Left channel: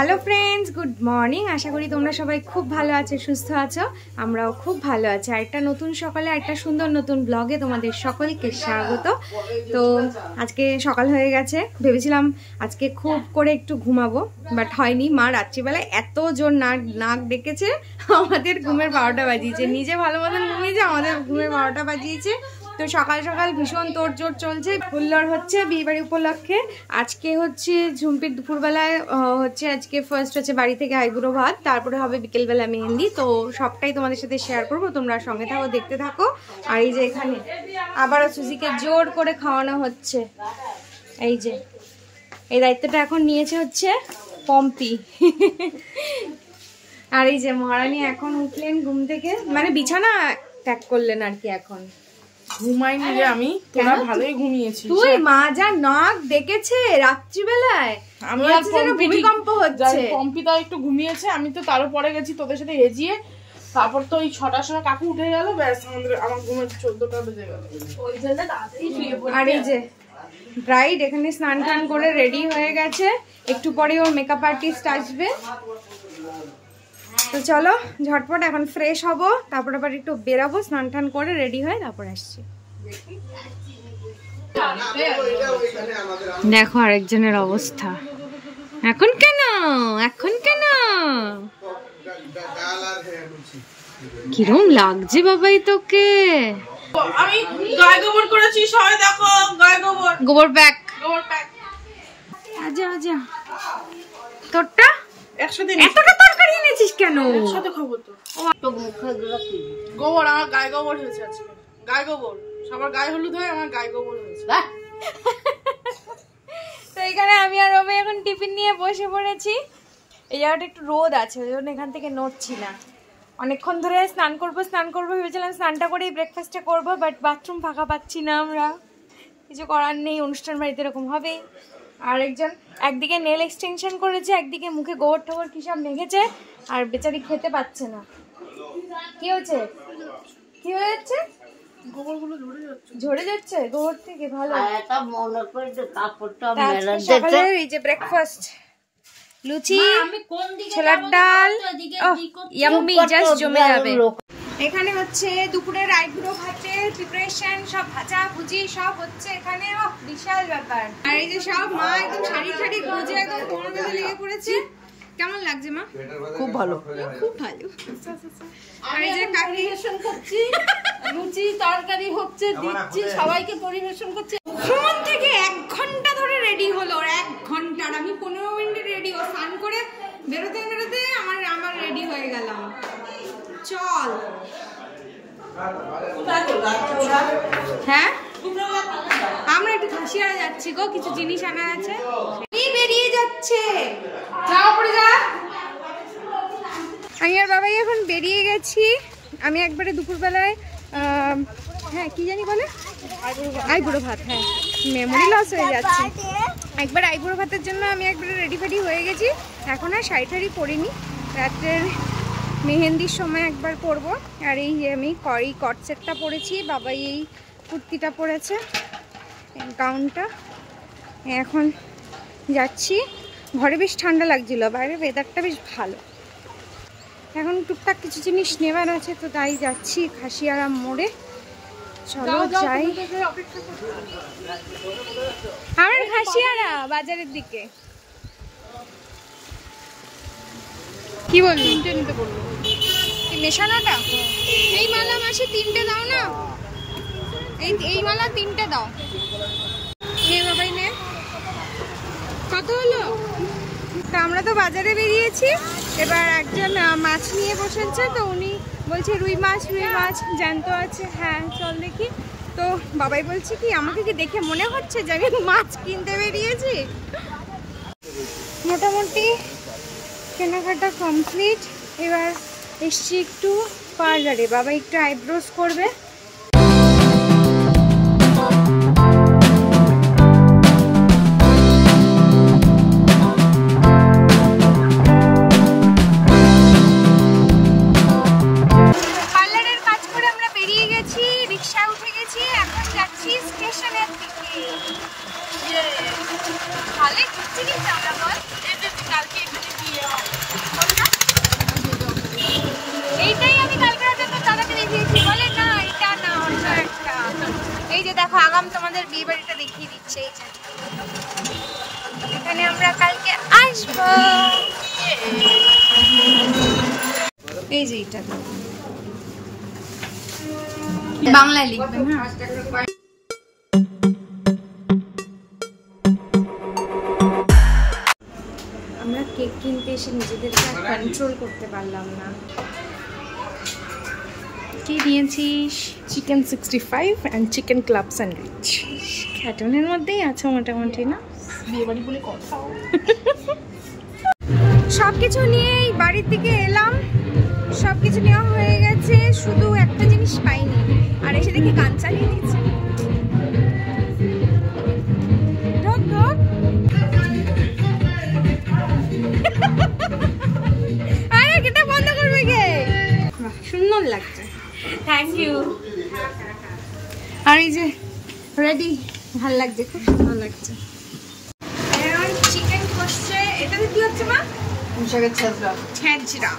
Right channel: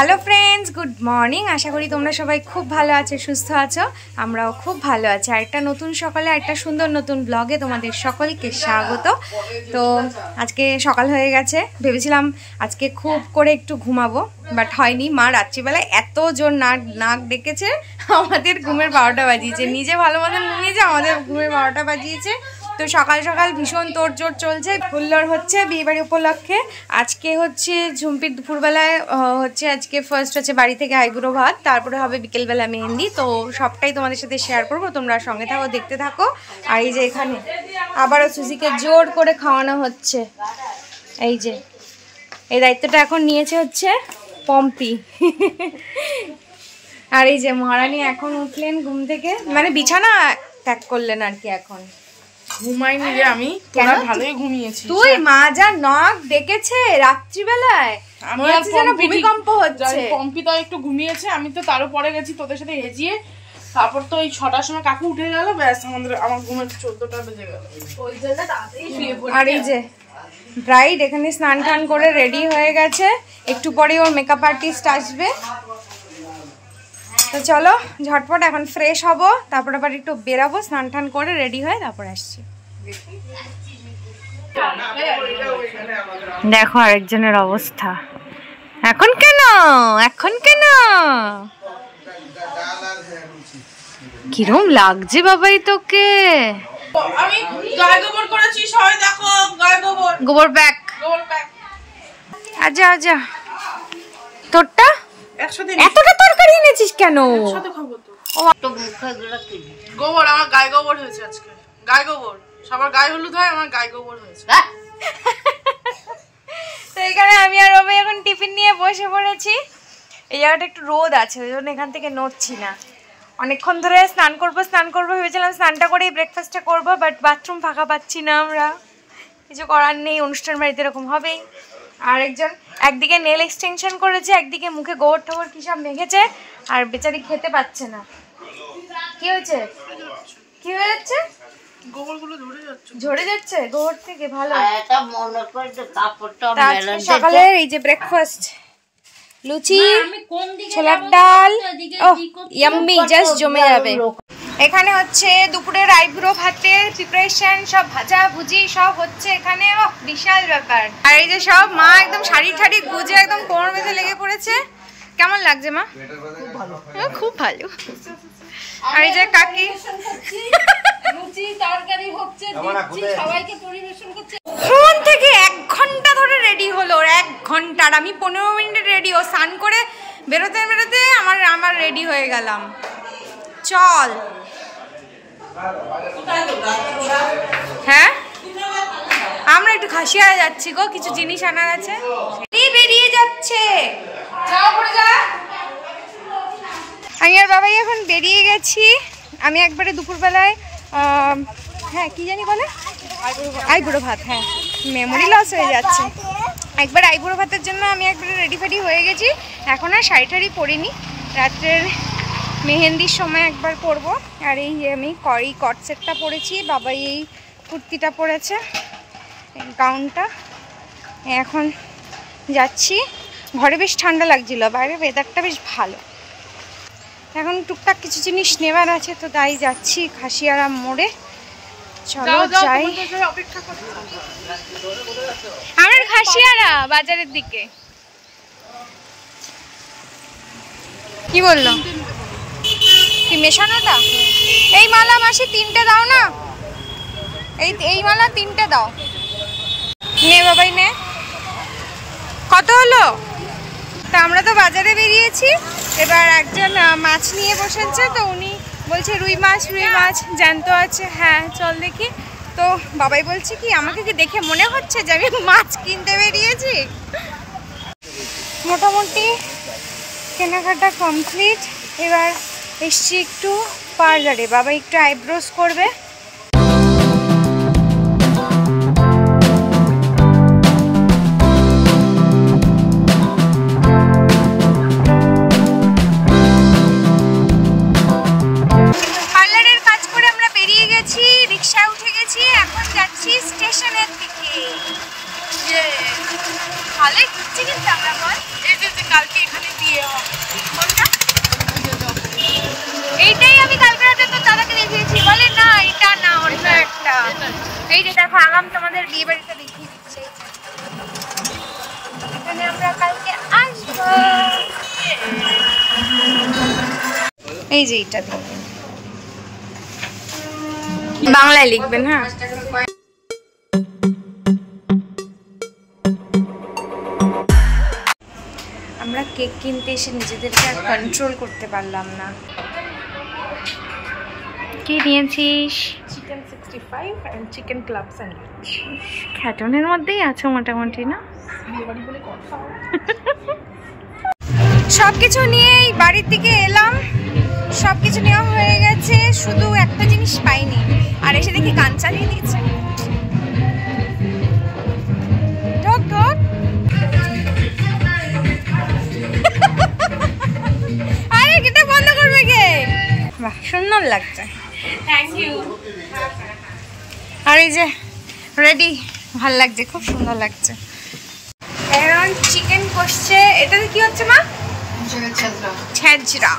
Hello friends, good morning. আশা করি তোমরা সবাই খুব ভালো আছো, সুস্থ আছো। আমরাও খুব ভালো আছি। আর একটা নতুন সকালে একটা সুন্দর নতুন ব্লগে তোমাদের সকলকে স্বাগত। তো আজকে সকাল হয়ে গেছে, ভেবেছিলাম আজকে খুব করে একটু ঘুমাবো, বাট হয়নি। মা রাত্রিবেলায় এত জোর নাক ডেকেছে, আমাদের ঘুমের 12টা বাজিয়েছে। নিজে ভালো মতন ঘুমিয়েছে, আমাদের ঘুমের 12টা বাজিয়েছে। তো সকাল সকাল ভীষণ তোড়জোড় চলছে, হুল্লোড় হচ্ছে বিয়েবাড়ি উপলক্ষে। আজকে হচ্ছে ঝুম্পির দুপুরবেলায় হচ্ছে আজকে ফার্স্ট হচ্ছে বাড়ি থেকে আইবুড়ো ভাত, তারপরে হবে বিকেলবেলা মেহেন্দি। তো সবটাই তোমাদের সাথে শেয়ার করবো, তোমরা সঙ্গে থাকো, দেখতে থাকো। আর এই যে এখানে আবারও সুজিকে জোর করে খাওয়ানো হচ্ছে। এই যে এই দায়িত্বটা এখন নিয়েছে হচ্ছে পম্পি। আর এই যে মহারানী এখন উঠলেন ঘুম থেকে, মানে বিছানা ত্যাগ করলেন আর কি। এখন ঘুমাইনি রে আমি, তোরা ভালোই ঘুমিয়েছিস। তুই মা যা নাক ডেকেছে রাত্রিবেলায়, মনে হচ্ছে যেন ভূমিকম্প হচ্ছে। পম্পিতা একটু ঘুমিয়েছে, আমি তো তারও পরে গেছি তোদের সাথে এজিয়ে। তারপর তো এই 6টার সময় কাকু উঠে গেল, ব্যাস আমার ঘুমের 14টা বেজে গেল। আর এই যে ব্রাইড এখানে স্নান টান করে রেডি হয়ে গেছে, একটু পরে ওর মেকআপ আর্টিস্ট আসবে। তো চলো ঝটপট এখন ফ্রেশ হব, তারপর আবার একটু বেরাবো, স্নান টান করে রেডি হয়ে তারপর আসছি। দেখো আরেকজনের অবস্থা। এখন কেন কিরম লাগছে বাবাই তোকে? আমি গায়ে গোবর করেছি, সবাই দেখো গায়ে গোবর প্যাক। আজা তোরটা একসাথে এতটা তরকারি এনেছিস কেন? একসাথে খাবো তো। গোবর, আমার গায়ে গোবর হয়েছে আজকে। গায়ে গোবর, সবার গায়ে হলুদ হয়, আমার গায়ে গোবর হয়েছে। তো এখানে আমি আর রবি এখন টিফিন নিয়ে বসে পড়েছি। এই জায়গাটা একটু রোদ আছে, ওই জন্য এখান থেকে নড়ছি না। অনেকক্ষণ ধরে স্নান করবো ভেবেছিলাম, স্নানটা করেই ব্রেকফাস্টটা করবো, বাট বাথরুম ফাঁকা পাচ্ছি না আমরা। কিছু করার নেই, অনুষ্ঠান বাড়িতে এরকম হবেই। আর একজন একদিকে নেল এক্সটেনশন করেছে, একদিকে মুখে গোবর টোবর কি সব মেখেছে, আর বেচারি খেতে পাচ্ছে না। কি হয়েছে? গোবরগুলো ঝরে যাচ্ছে গোবর থেকে। ভালো। সকালে এই যে ব্রেকফাস্ট, লুচি, ছোলার ডাল, ইয়াম্মি, জাস্ট জমে যাবে। এখানে হচ্ছে দুপুরের আইবুড়ো ভাতের প্রিপারেশন, সব ভাজা ভুজি সব হচ্ছে এখানে। বিশাল ব্যাপার। আর এই যে সব মা একদম শাড়ি ঠাড়ি গুজে একদম কোমর বেঁধে লেগে পড়েছে। কেমন লাগছে মা? খুব ভালো, খুব ভালো। আর এই যে কাকি লুচি তরকারি হচ্ছে, দিচ্ছি সবাইকে পরিবেশন করছে। ফোন থেকে 1 ঘন্টা ধরে রেডি হলো, 1 ঘন্টা। আর আমি 15 মিনিটে রেডি। ও স্নান করে বেরোতে আমার রেডি হয়ে গেলাম। চল। হ্যাঁ আমরা একটু খাসিয়ারা যাচ্ছি গো, কিছু জিনিস আনার আছে। বেরিয়ে যাচ্ছে, আমি আর বাবাই এখন বেরিয়ে গেছি। আমি একবারে দুপুরবেলায় হ্যাঁ কি জানি বলে আইবুড়ো ভাত, হ্যাঁ মেমোরি লস হয়ে যাচ্ছে। একবার আইবুড়ো ভাতের জন্য আমি একবারে রেডি ফেডি হয়ে গেছি। এখন আর শাড়ি টাড়ি পরিনি, রাত্রের মেহেন্দির সময় একবার পরবো। আর এই যে আমি কট সেটটা পরেছি, বাবাই এই কুর্তিটা পরেছে, গাউনটা। এখন যাচ্ছি। ঘরে বেশ ঠান্ডা লাগছিল, বাইরে ওয়েদারটা বেশ ভালো। এখন টুকটাক কিছু জিনিস নেবার আছে, তো তাই যাচ্ছি খাসিয়ারা মোড়ে। চলো যাই। আমার খাসিয়ারা বাজারের দিকে। কি বললো? কি মেশানোটা? এই মালা মাসি 3টে দাও না, এই মালা 3টে দাও। নে বাবাই নে। কত হলো? তা আমরা তো বাজারে বেরিয়েছি, এবার একজন মাছ নিয়ে বসেছে, তো উনি বলছে রুই মাছ জ্যান্ত আছে। হ্যাঁ চল দেখি। তো বাবাই বলছে কি আমাকে কি দেখে মনে হচ্ছে যে আমি মাছ কিনতে বেরিয়েছি? মোটামুটি কেনাকাটা কমপ্লিট। এবার এসছি একটু পার্লারে, বাবা একটু আইব্রোজ করবে। পার্লারের কাজ করে আমরা বেরিয়ে গেছি, রিক্সায় উঠে গেছি, এখন যাচ্ছি স্টেশনের দিকে। ভালোই ঘুরছি কিন্তু আমরা বল। এই যে কালকে এখানে বিয়ে হবে, কোনটা? এইটাই আমি কালকে রাতে তো দাদাকে দেখিয়েছি, বলে না এটা না অন্য একটা। এই যে দেখো আগাম তোমাদের বিয়ে বাড়িটা দেখিয়ে দিচ্ছে। এখানে আমরা কালকে আসবো। এই যে এটা বাংলায় লিখবেন। হ্যাঁ, আমরা কেক কিনতে এসে নিজেদেরকে আর কন্ট্রোল করতে পারলাম না। কি নিয়েছিস? Chicken 65 and chicken club sandwich. খ্যাটনের মধ্যেই আছে মোটামুটি, না? বিয়ে বাড়ি বলে কথা। সবকিছু নিয়েই বাড়ির দিকে এলাম, সবকিছু নেওয়া হয়ে গেছে, শুধু একটা জিনিস পাইনি। আর এসে দেখি গান চালিয়ে দিয়েছে। ঢোক ঢোক। আরে গেটটা বন্ধ করবে কে? বাহ, সুন্দর লাগছে, থ্যাংক ইউ। আর এই যে রেডি, ভাল লাগছে, খুব সুন্দর লাগছে। এখন চিকেন কষছে। এটাতে কি হচ্ছে মা? ছেঁচড়া।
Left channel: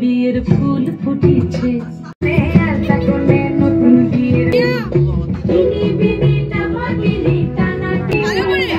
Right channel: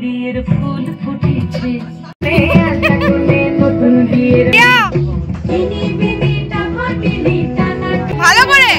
বিয়ের ফুল ফুটেছে ভালো করে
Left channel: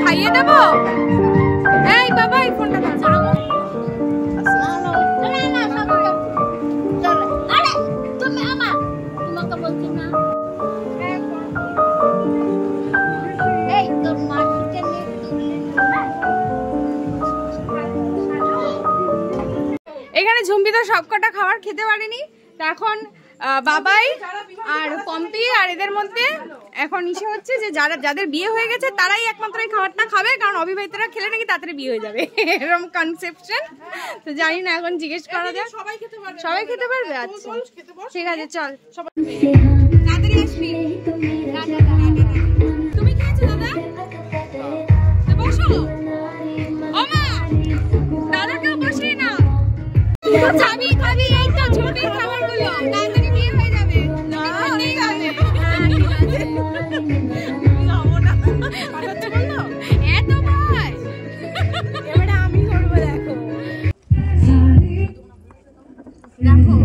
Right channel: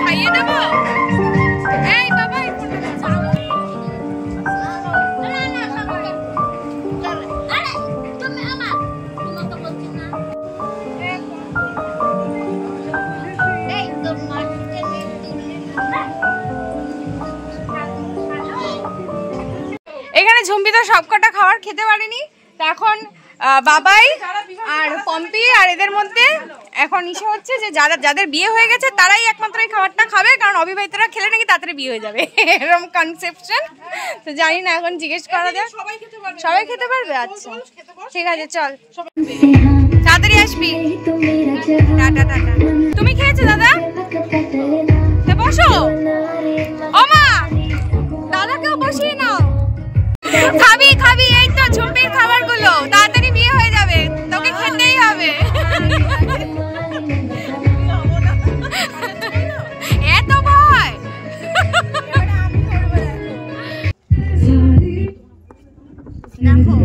খাইয়ে দেবো। এই বাবা, এই ফোনটা চালাবো। এখানে ঝুম্পি তো সবকটা খাবার খেতে পারেনি, তা এখন বাবাই আর পম্পি আর এদের মধ্যে এখন ইসে হচ্ছে যে যাদের বিয়ে হয়ে গেছে তারাই একমাত্র এই খাবারটা খাবে, কারণ অবিবাহিতরা খেলে নাকি তাড়াতাড়ি বিয়ে হয়ে যাবে, এরকম কনসেপশন। তো জানি না, এখন জিজ্ঞেস করা যাক। সবাই খেতে পারবে? আচ্ছা ঠিক আছে, চল তাড়াতাড়ি আসবি। Tata tata. তুমি খেয়েছো দাদা? বসো। ও মা, দাদাকেও বসিয়ে নাও। খাবি খাবি, এই তো ঝুম্পির খাবারগুলো, তাড়াতাড়ি বিয়ে হয়ে যাবে, তোকে খেতেই হবে। এত ভয়? দেখো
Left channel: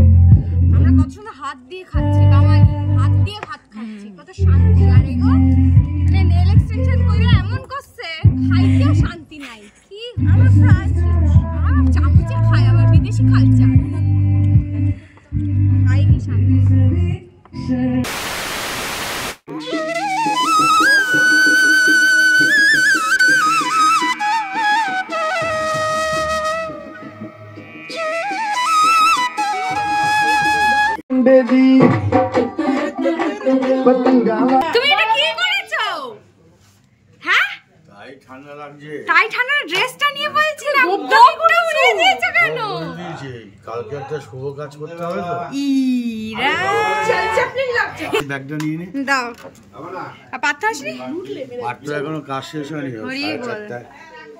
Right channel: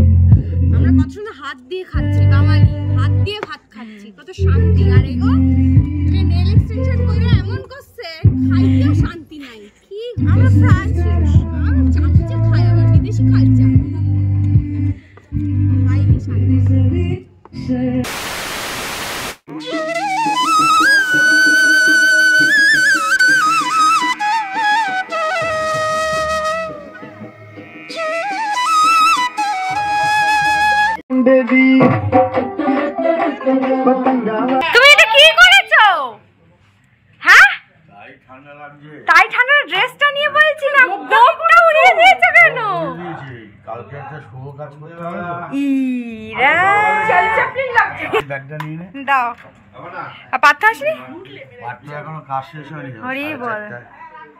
আমরা কত সুন্দর হাত দিয়ে খাচ্ছি, বাঙালি হাত দিয়ে ভাত খাচ্ছি, কত শান্তি। আর এগো নেল এক্সটেনশন করে এমন করছে, খাইতেও শান্তি নাই। কি আমরা ফ্রান্সিস, আমরা চামচে খাই, আবার বিদেশি কালচার খাইনি শান্তি। কালকে একটা শুভ কাজ করতে হবে তো। ইরা ব্যাগটা নিয়ে নে। দাও। আর পাত্র আসেনি? পাত্র এখনো কাজ শেষ হয়নি। হরি বল।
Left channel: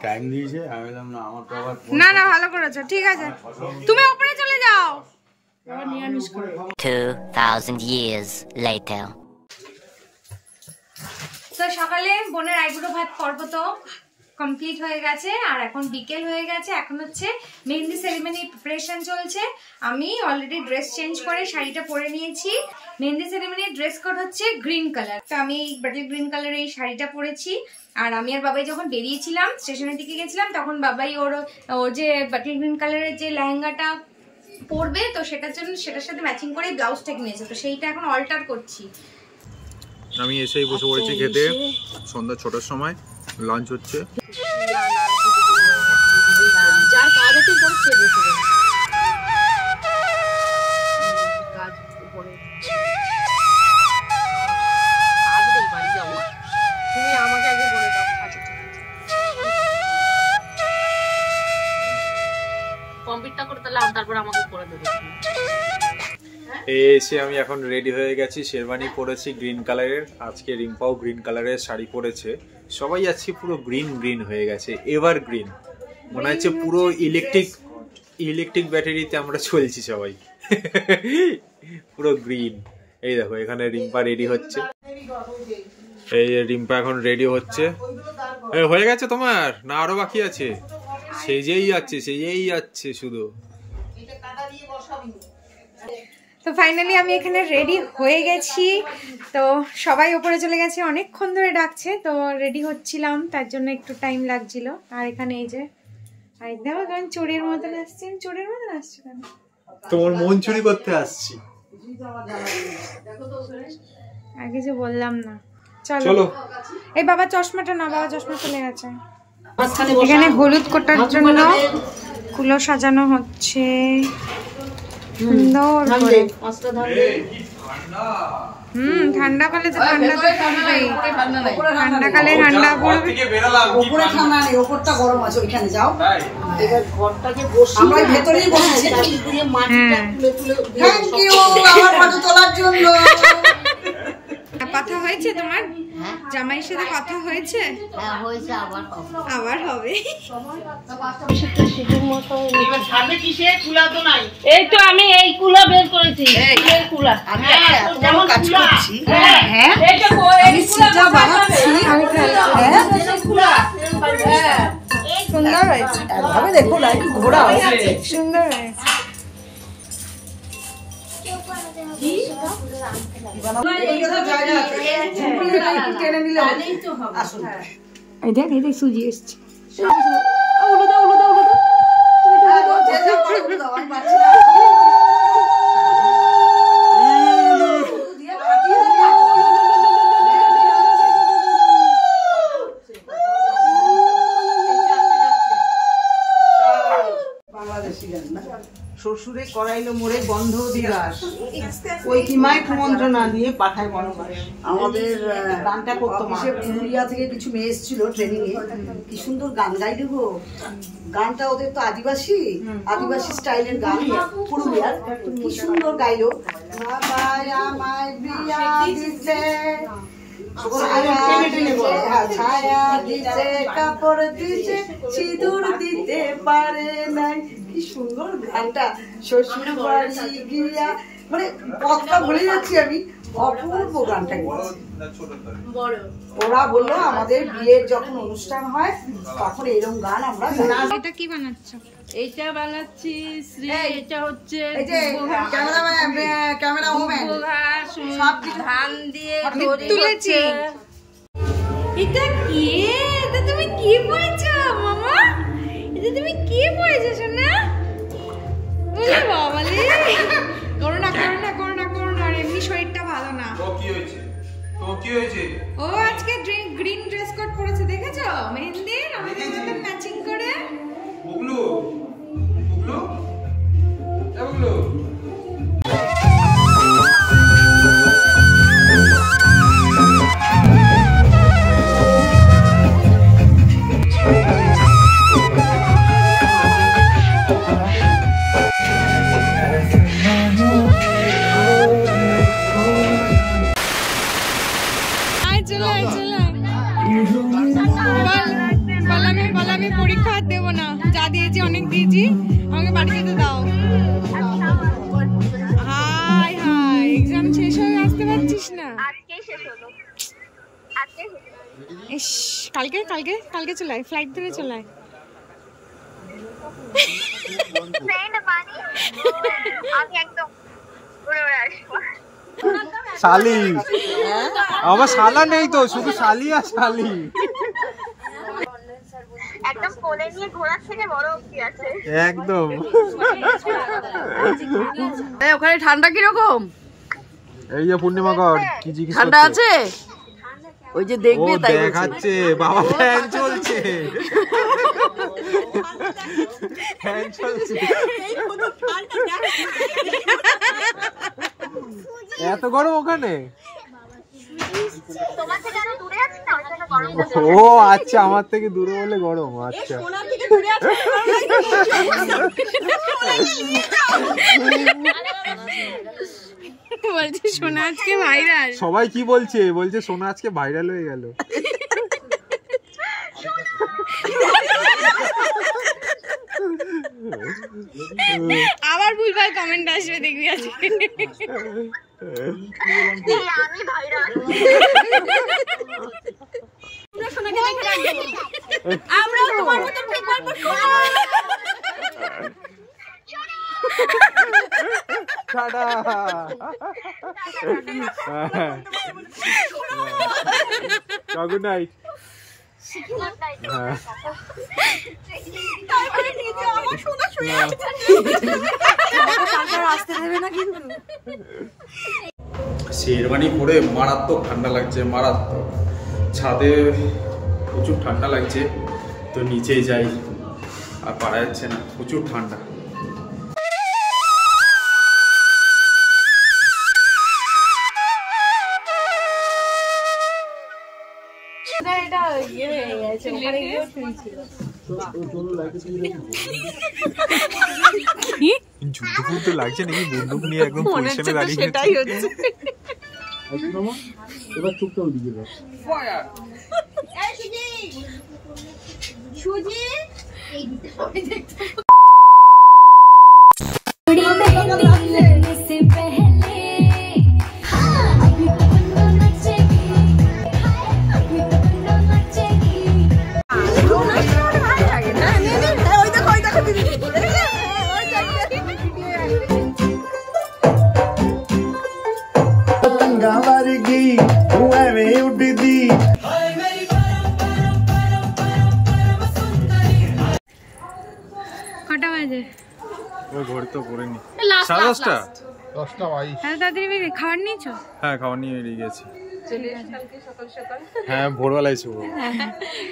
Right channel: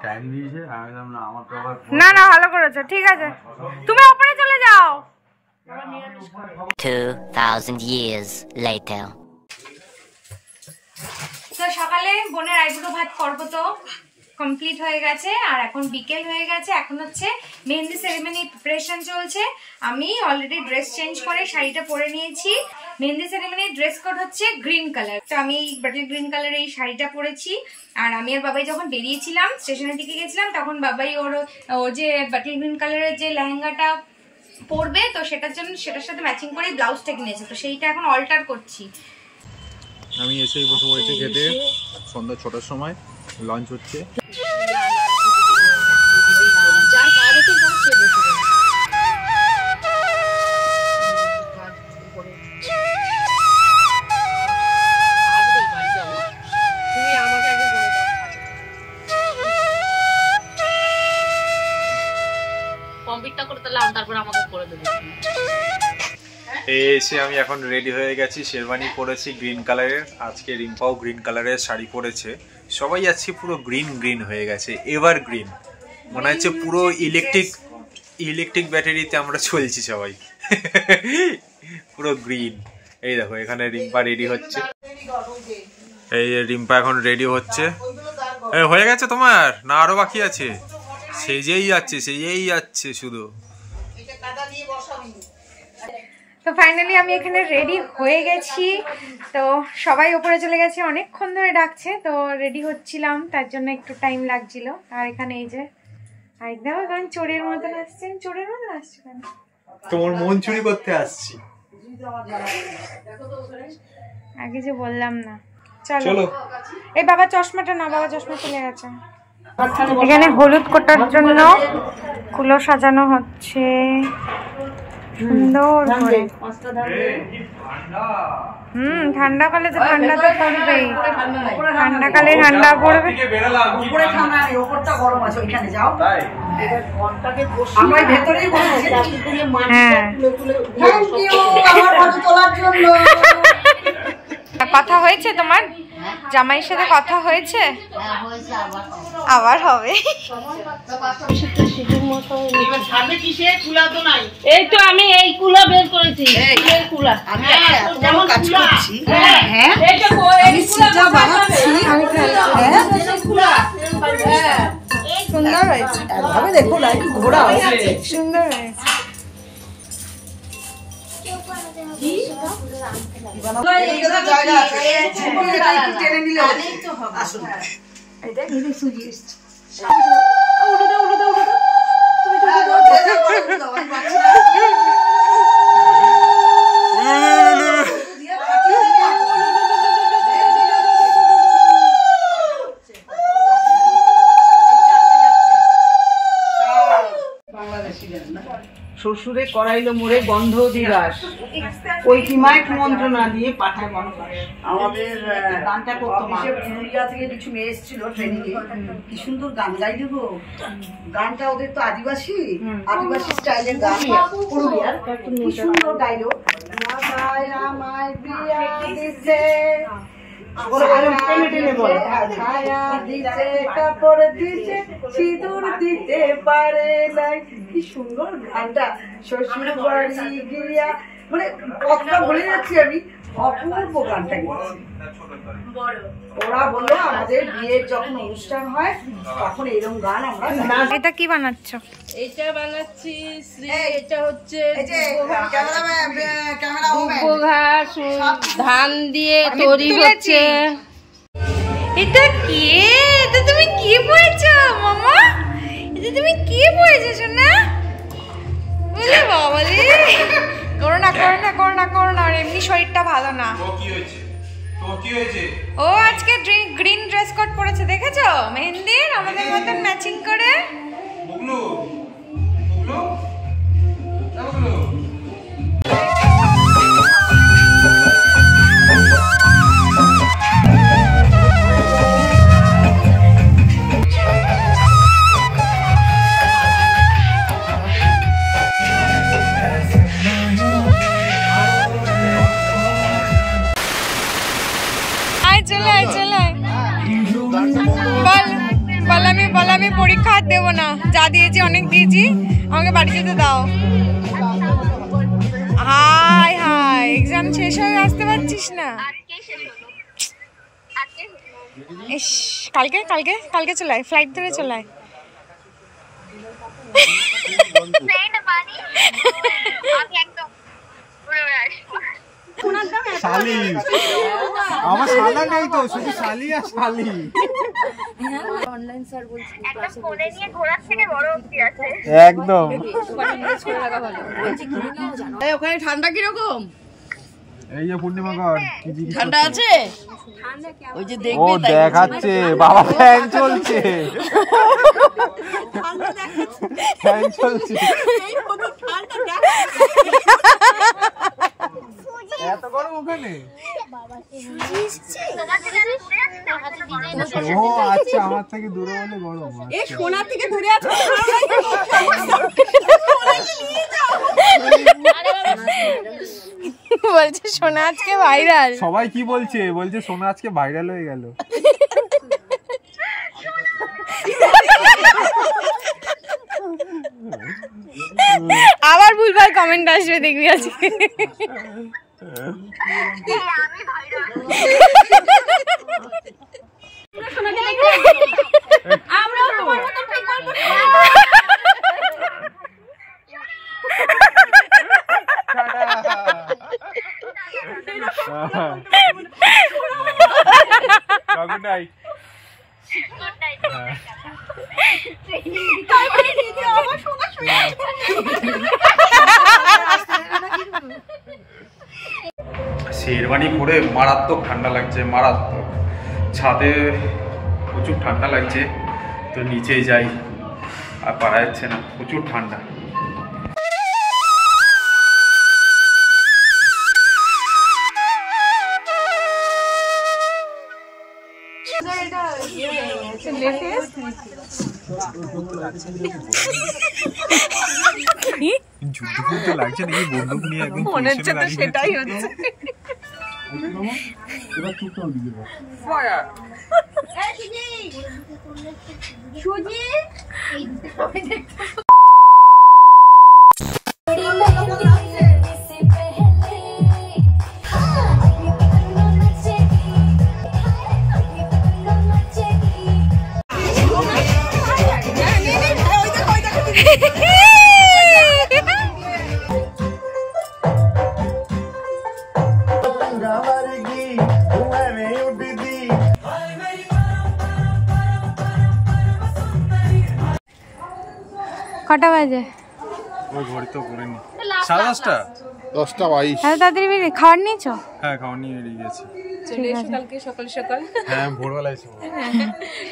টাইম দিয়েছে, আমি বললাম না আমার তো আবার না না ভালো করেছো, ঠিক আছে তুমি ওপরে চলে যাও। 2000 years later. তো সকালে বোনের আইবুড়ো ভাত পর্ব তো কমপ্লিট হয়ে গেছে, আর এখন বিকেল হয়ে গেছে, এখন হচ্ছে মেহেন্দি সেরিমনি প্রিপারেশন চলছে। আমি অলরেডি ড্রেস চেঞ্জ করে শাড়িটা পরে নিয়েছি। মেহেন্দি সেরিমনির ড্রেস কোড হচ্ছে গ্রিন কালার, তো আমি এই বাটল গ্রিন কালারের এই শাড়িটা পরেছি। আর আমি আর বাবাই যখন বেরিয়েছিলাম স্টেশনের দিকে গেছিলাম, তখন বাবাই ওর যে বাটল গ্রিন কালারের যে লেহেঙ্গাটা পরবে, তো সেটার জন্য সেটার সাথে ম্যাচিং করেই ব্লাউজটা কিনেছে, তো সেইটা এখন অল্টার করছি। আমি এসেই বসে পড়েছি খেতে, সন্ধ্যা 6টার সময় লাঞ্চ হচ্ছে। এসে আমি এখন রেডি হয়ে গেছি, শেরওয়ানি পরেছি গ্রিন কালারের, আজকে রিম্পাও গ্রিন কালারের শাড়ি পরেছে, সবাই আজকে পুরো গ্রিন গ্রিন হয়ে গেছে, এভার গ্রিন মনে হচ্ছে পুরো ইলেকট্রিক ব্যাটারিতে আমরা চলছি সবাই পুরো গ্রিন। এই দেখো এখানে রিম্পা রেডি হচ্ছে, এই রিম্পা এখন রেডি হচ্ছে। হয়ে গেছে তোমার না আরো বাকি আছে? সেজেই যাচ্ছে শুধু। তো ফাইনালি আমি এখানে রেডি হয়ে গেছি, তো সবাই ওপরে চলে গেছে, অনেকক্ষণ ধরে ডাকছে, তো রেডি হচ্ছিলাম, তার জন্য একটু টাইম লাগছিল। আর এখানে এই যে দেখো কারণ চোরের মতন আসছে, চোরের মতন আসছে কেন? তোমার মন চুরি করতে আসছি। আগে যে বললাম না। চলো এই বাবা চশমাটা না, বাবা চশমা চলে গেছে। এখানে হলুদ কোটার জন্য কুলো সাজানো হচ্ছে সুন্দর করে। ঠান্ডাকালে তো ঠান্ডা তো পড়বেই, ঠান্ডাকালে ঠান্ডা পড়বে। উপরে ঠান্ডা নেই, উপরটা গরম আছে, ওইখানে যাও। আমরা ভেতরেই বসেছি। হ্যাঁ থ্যাংক ইউ আমার ফটো তোলার জন্য। কথা হয়েছে তোমার জামাইয়ের সাথে? কথা হয়েছে? আবার হবে। এই তো আমি এই কুলা বের করেছি, এই কুলা আমি একটা কাজ করছি। হ্যাঁ আমি সিটা বানাচ্ছি। আমি সুন্দর হয়েছে, এভাবে দেখো না, একটু ঘোরা হয়েছে। সুন্দর হয়েছে। জায়গা আছে, একটু টেনে নিলে আসুন। এই দেখ সুজি এসছে। শ্বশুরে করাইলো মোরে গন্ধ দিবাস, ওই কিমায় মন্ত্রণা দিয়ে পাঠায় বন্ধ। আমাদের গানটা করতো মা, পুরুলিয়া থেকে কিছু মেয়ে এসেছিল ট্রেনিং এ, কি সুন্দর গান গাইলো গো। গানটা ওদের তো আদিবাসী স্টাইলের গান, পুরুলিয়ার, কি সুন্দর গাইলো। আমায় বিয়া দিছে, ছায়া দিছে, কাপড় দিছে, সিঁদুর দিতে পারে নাই। কি সুন্দর গানটা। শ্বশুর বাড়ি গিয়া, মানে কথা বলে যাচ্ছি আমি, অপূর্ব গানটা গেছি। ওরা বললো আমাদের বিয়ের যখন অনুষ্ঠান হয় তখন এরকম গান আমরা। এটা কি বানাচ্ছ? এইটা বানাচ্ছি শ্রী, এটা হচ্ছে ধান দিয়ে তৈরি হচ্ছে। এটা কি? এটা তুমি কি পড়েছো মামা? এটা তুমি কি পড়েছো সোনা? বলে বাবা রে, করো না, আর এমনি শরীরটা ভালো না। ও আজকে গ্রিন ড্রেস কোড পরেছে, দেখেছো? মেহেন্দির আমাদের মতন ম্যাচিং করে। যা দিয়েছি অনেক দিয়েছি, আমাকে বাড়ি যেতে দাও। হাই হাই, এক্সাম শেষ হয়ে আসতে পারছিস না? ইস, কালকে কালকে কালকে চলে আয়, ফ্লাইট ধরে চলে আয়। শালি, আমার শালা নেই তো, শুধু শালি আর শালি। একদম কোলে নিয়ে ঘোরার থেকে বড় অবধি আছে একদম। ওখানে ঠান্ডা কিরকম? এই যে পূর্ণিমা কর কি জিজ্ঞেস ঠান্ডা আছে? ওই যে দেখবে তাই দেখাচ্ছে, বাবা ফ্যান চলছে, ফ্যান চলছে। এত গরম ওখানে? ও আচ্ছা, আমার থেকে দূরে বলে গরম। আচ্ছা, বলছে সোনা আজকে ভাইরাল। সবাই কি বলছে? বলছে সোনা আজকে ভাইরাল হয়ে গেল। আবার ভুলভাল কমেন্ট আসবে, দেখবি আজকে। আমি ভাইরাল আমরাও তোমার মতো ঠিক করব। Good night. শেরওয়ানি পরে মারাত্মক ঠান্ডা লাগছে, মারাত্মক। ছাদে প্রচুর ঠান্ডা লাগছে, তো নিচেই যাই, আর পারা যাচ্ছে না, প্রচুর ঠান্ডা। যুদ্ধ যুদ্ধ লাগছে নাকি? বন্দুক নিয়ে একদম মনে হচ্ছে তো সেটাই হচ্ছে। এবার চুপ করে দিকে বস। কটা বাজে? ও ঘড়ি তো পড়েনি, 10:30। 10:22। তাড়াতাড়ি বেরিয়ে খাবার নিয়েছো? হ্যাঁ, খাওয়া নিয়ে বেরিয়ে গেছি। চলে এসো কালকে সকাল সকাল। হ্যাঁ, ভোরবেলা এসো।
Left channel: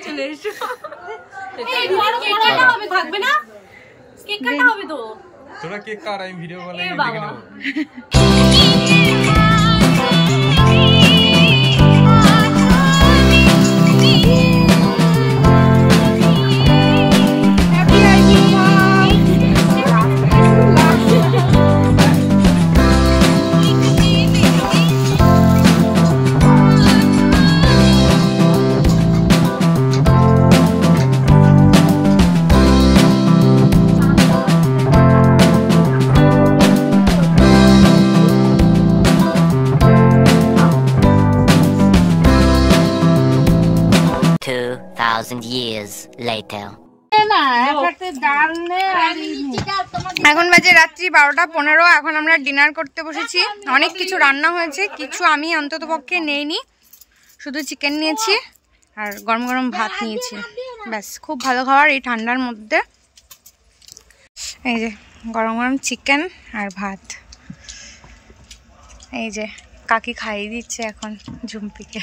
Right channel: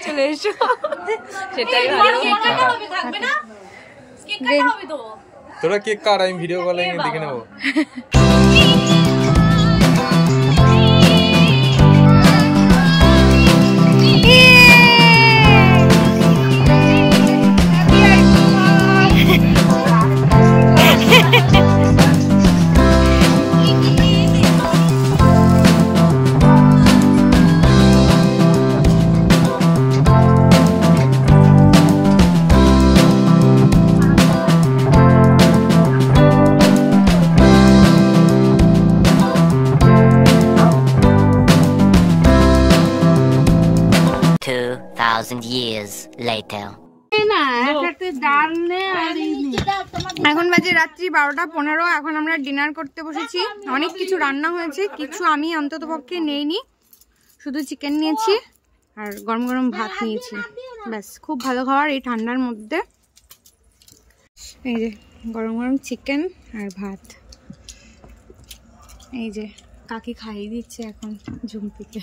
চলে এসো, সেটাই থাকবে না, কেক কাটা হবে তো। তোরা কেক কাট, আমি ভিডিও কলে দেখে নেবো। years later. এখন বাজে রাত্রি 12:15। এখন আমরা ডিনার করতে বসেছি। অনেক কিছু রান্না হয়েছে, কিছু আমি অন্তত পক্ষে নেইনি, শুধু চিকেন নিয়েছি আর গরম গরম ভাত নিয়েছি। ব্যাস, খুব ভালো খাবার এই ঠান্ডার মধ্যে। এই যে গরম গরম চিকেন আর ভাত, এই যে কাকি খাইয়ে দিচ্ছে এখন ঝুম্পিকে।